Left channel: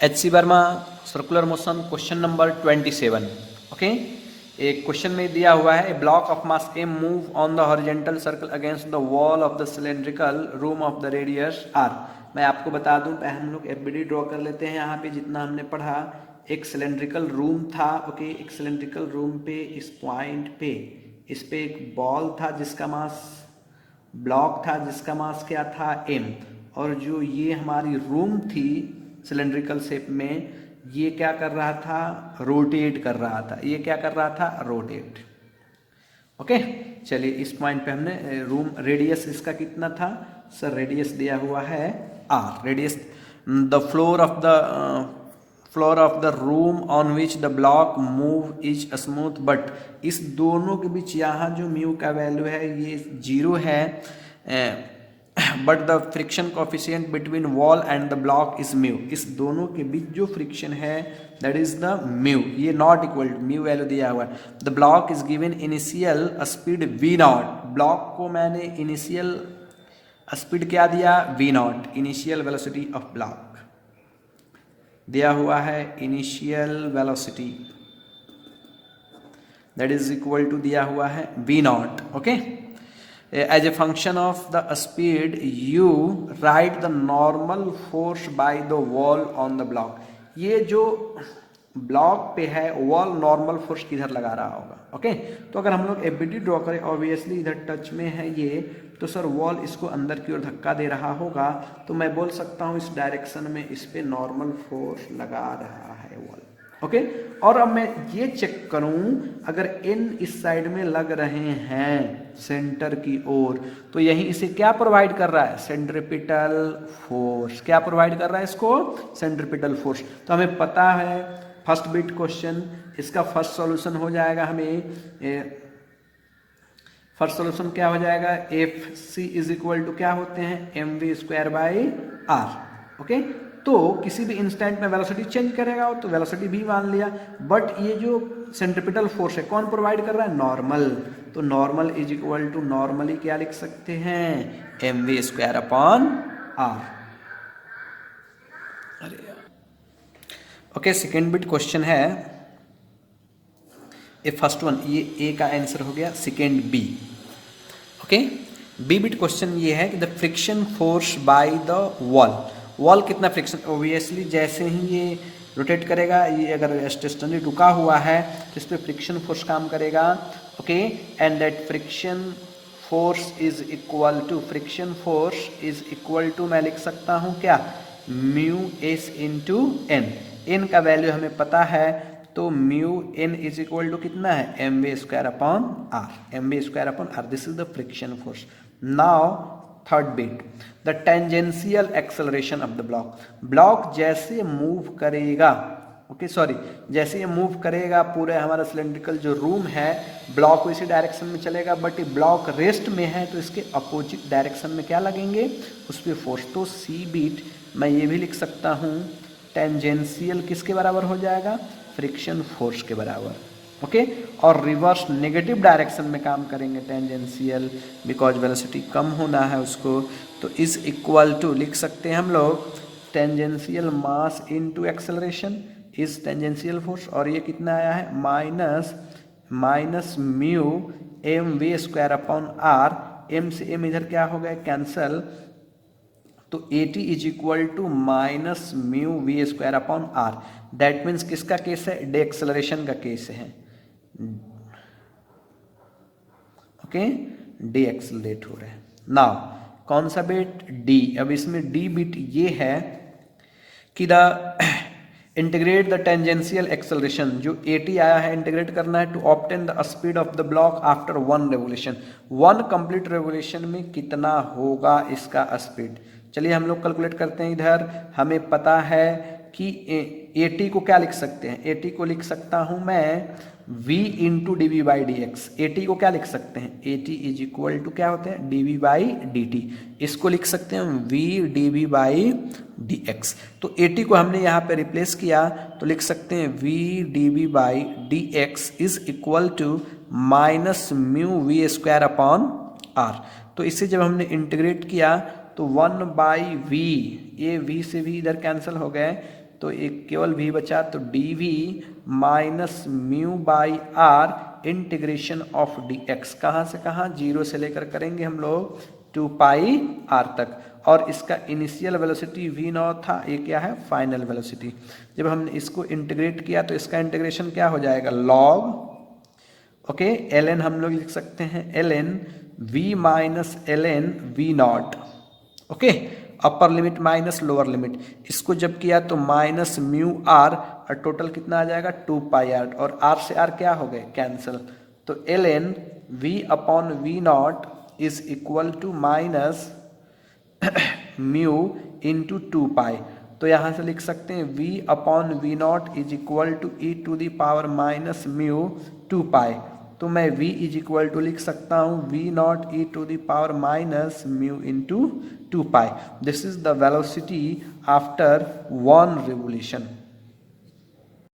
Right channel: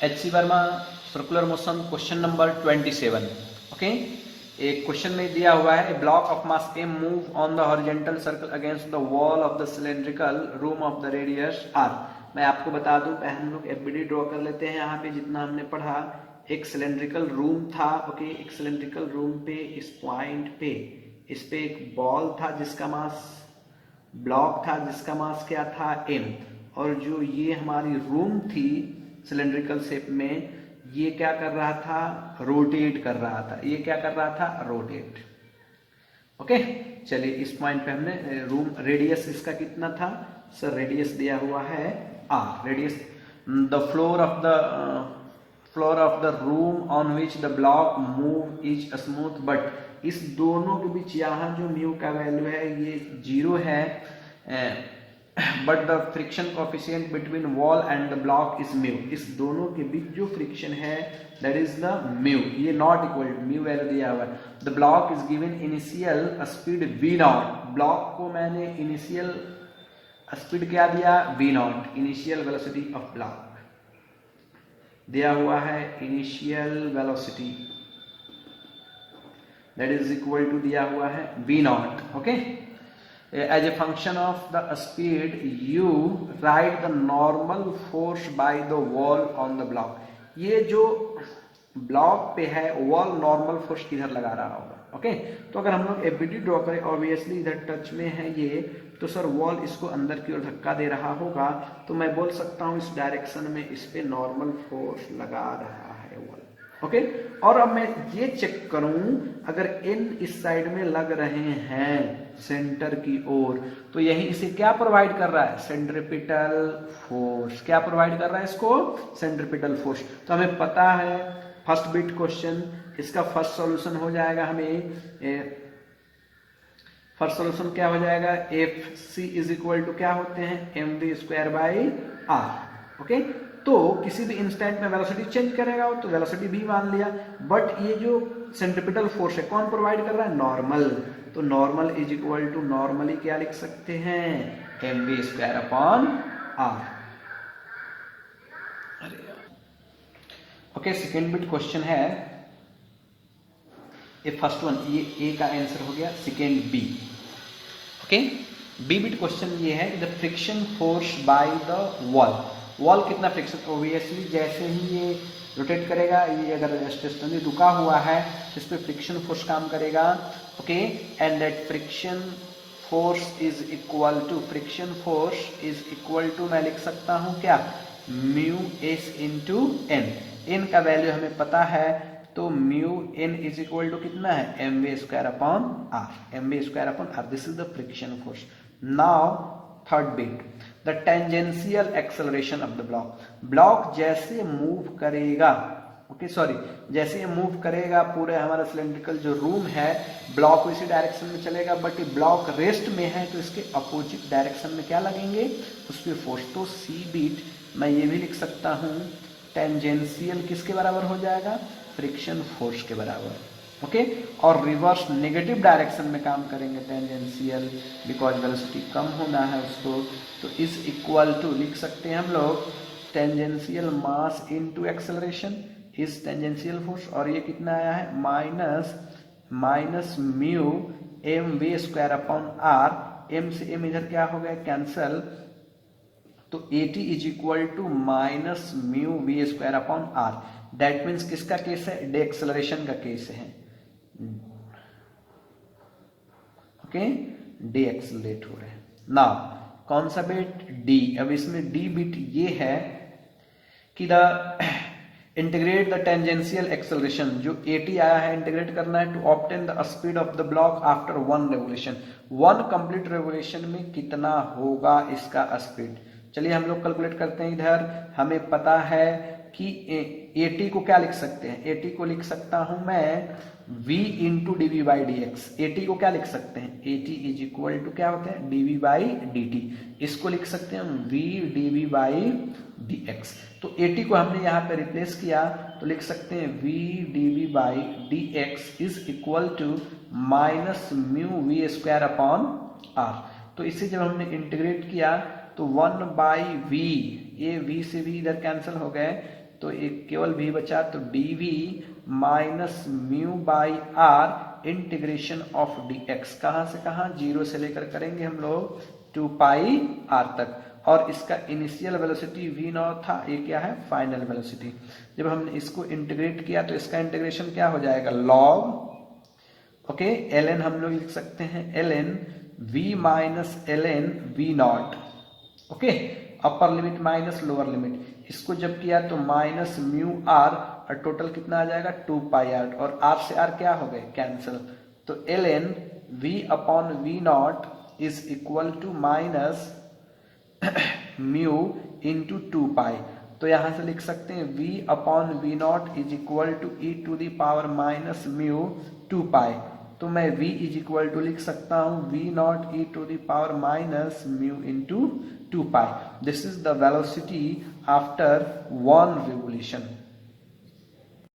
HC Verma circular motion question number 27. Okay, एक question में दिया हुआ है, a block of mass m move on the horizontal circle against the wall of the cylindrical room of the radius r. मैं आपको बता दूं, पहले हम लोग एफबीडी ड्रॉ कर लेते हैं. यहाँ पे जितना हमने पढ़ा, एक सिलेंड्रिकल रूम था. ओके, एक सिलेंड्रिकल रूम पे इस पॉइंट पे इस पे एक बॉल था जिसका मास, ब्लॉक था जिसका मास क्या था, m. और जो ये हमारी रूम थी सिलेंड्रिकल शेप में, ये क्या कर रहा था, रोटेट कर रहा था. ये क्या कर रहा था, रोटेट. ओके, चलिए इस पॉइंट पे हमने रूम रेडियस इसका कितना था सर, रेडियस दिया हुआ है r. Radius the floor of the room on which the block move is smooth, but इस दोनों के बीच यहाँ जो म्यू का वैल्यू है ये 0 है, but the friction coefficient between wall and the block is mu. इस दोनों के बीच जो फ्रिक्शन है दैट इज द म्यू. ये not equal to mu value दिया हुआ है. The block is given initial speed v naught. Block को मैंने इनिशियल स्पीड क्या दिया, v naught. Initial velocity of block दिया हुआ है, initial velocity that is equal to दिया हुआ है v naught. Okay, as a function of the speed you write the normal force by the wall on the block. ये जो block पे है वॉल नॉर्मल फोर्स किधर लगा रहा होगा. ओके, तो अगर हम लोग एफबीडी ड्रॉ करें, ऑब्वियसली इधर टच में है ये, तो सर वॉल इसको अंदर की ओर धक्का दे रहा होगा, तो मैं बोल सकता हूँ इस डायरेक्शन में इस पे नॉर्मल फोर्स लगा रहा है वॉल. ओके, और अब मैं ये चेक करूं, अगर n इस साइड में लग रहे हैं सेंटर की ओर, तो यही इसे क्या प्रोवाइड कर रहा है, सेंट्रिपिटल फोर्स. क्या प्रोवाइड कर रहा है इसको, सेंट्रिपिटल फोर्स. तो हमें पता है फर्स्ट बिट क्वेश्चन, इसका फर्स्ट सॉल्यूशन हो जाएगा हमें, फर्स्ट सॉल्यूशन क्या हो जाएगा, F C is equal to क्या होते हैं, M V square by R. Okay, तो किसी भी इंस्टेंट में वेलोसिटी चेंज करेगा तो वेलोसिटी भी मान लिया, बट ये जो सेंट्रिपिटल फोर्स है कौन प्रोवाइड कर रहा है, नॉर्मल. तो normal is equal to normally क्या लिख सकते हैं, M V square upon R. Okay, second bit question है, ये फर्स्ट वन, ये ए का आंसर हो गया, second B. Okay, B bit question ये है कि the friction force by the wall. Wall कितना फ्रिक्शन, ओबियसली जैसे ही ये रोटेट करेगा, ये अगर स्टेशनरी रुका हुआ है तो इस पर फ्रिक्शन फोर्स काम करेगा. Okay, and that friction force is equal to, friction force is equal to मैं लिख सकता हूँ क्या, mu S into N. N का वैल्यू हमें पता है, तो mu N is equal to कितना है, M V square upon R. M V square upon R, this is the friction force. Now third bit, the tangential acceleration of the block. Block जैसे move करेगा, okay sorry, जैसे ये move करेगा पूरे हमारा cylindrical जो रूम है, block इसी डायरेक्शन में चलेगा, बट ये ब्लॉक रेस्ट में है तो इसके अपोजिट डायरेक्शन में क्या लगेंगे, उस पर फोर्स. तो सी बीट मैं ये भी लिख सकता हूँ, टेंजेंशियल किसके बराबर हो जाएगा, फ्रिक्शन फोर्स के बराबर. ओके, और रिवर्स नेगेटिव डायरेक्शन में काम करेंगे टेंजेंशियल, बिकॉज वेलोसिटी कम होना है उसको. तो इज इक्वल टू लिख सकते हैं हम लोग, tangential mass into acceleration is tangential force, और ये कितना आया है, minus mu M V square upon R. M से एम इधर क्या हो गया, कैंसल, तो A T is equal to minus mu V square upon R. That means किसका केस है, डे एक्सेलरेशन का केस है. ओके, डे एक्सेलरेट हो रहे हैं. नाउ कौन सा बिट, डी. अब इसमें डी बिट ये है कि the integrate the tangential acceleration, जो एटी आया है इंटीग्रेट करना है to obtain the speed of the block after one revolution. One complete revolution में कितना होगा इसका स्पीड. चलिए हम लोग कैलकुलेट करते हैं. इधर हमें पता है कि एटी को क्या लिख सकते हैं, एटी को लिख सकता हूं मैं v into D V by D X. AT को क्या लिख सकते हैं, एटी इज इक्वल टू क्या होते हैं, D V by D T. इसको लिख सकते हैं v D V by D X. तो एटी को हमने यहाँ पे रिप्लेस किया तो लिख सकते हैं v D V by D X is equal to minus mu V square upon R. तो इसे जब हमने इंटीग्रेट किया तो 1 बाई वी, ये v से v इधर कैंसिल हो गए, तो एक केवल v बचा, तो dv minus mu by R integration of dx, कहाँ से कहाँ, 0 से लेकर करेंगे हम लोग 2 पाई r तक, और इसका इनिशियल वेलोसिटी v नॉट था, ये क्या है, फाइनल वेलोसिटी। जब हमने इसको इंटीग्रेट किया तो इसका इंटीग्रेशन क्या हो जाएगा, log, ओके, ln हम लोग लिख सकते हैं ln v minus ln v naught, okay, upper limit minus lower limit, इसको जब किया तो माइनस म्यू आर, और टोटल कितना आ जाएगा 2 पाई आर, और आर से आर क्या हो गए, कैंसिल, तो ln v upon v naught is equal to minus mu into 2 pi, तो यहाँ से लिख सकते हैं v upon v naught is equal to E to the power minus mu 2 pi, तो मैं v इज इक्वल टू लिख सकता हूँ v naught E to the power minus mu into 2 pi. This is the velocity after 1 revolution.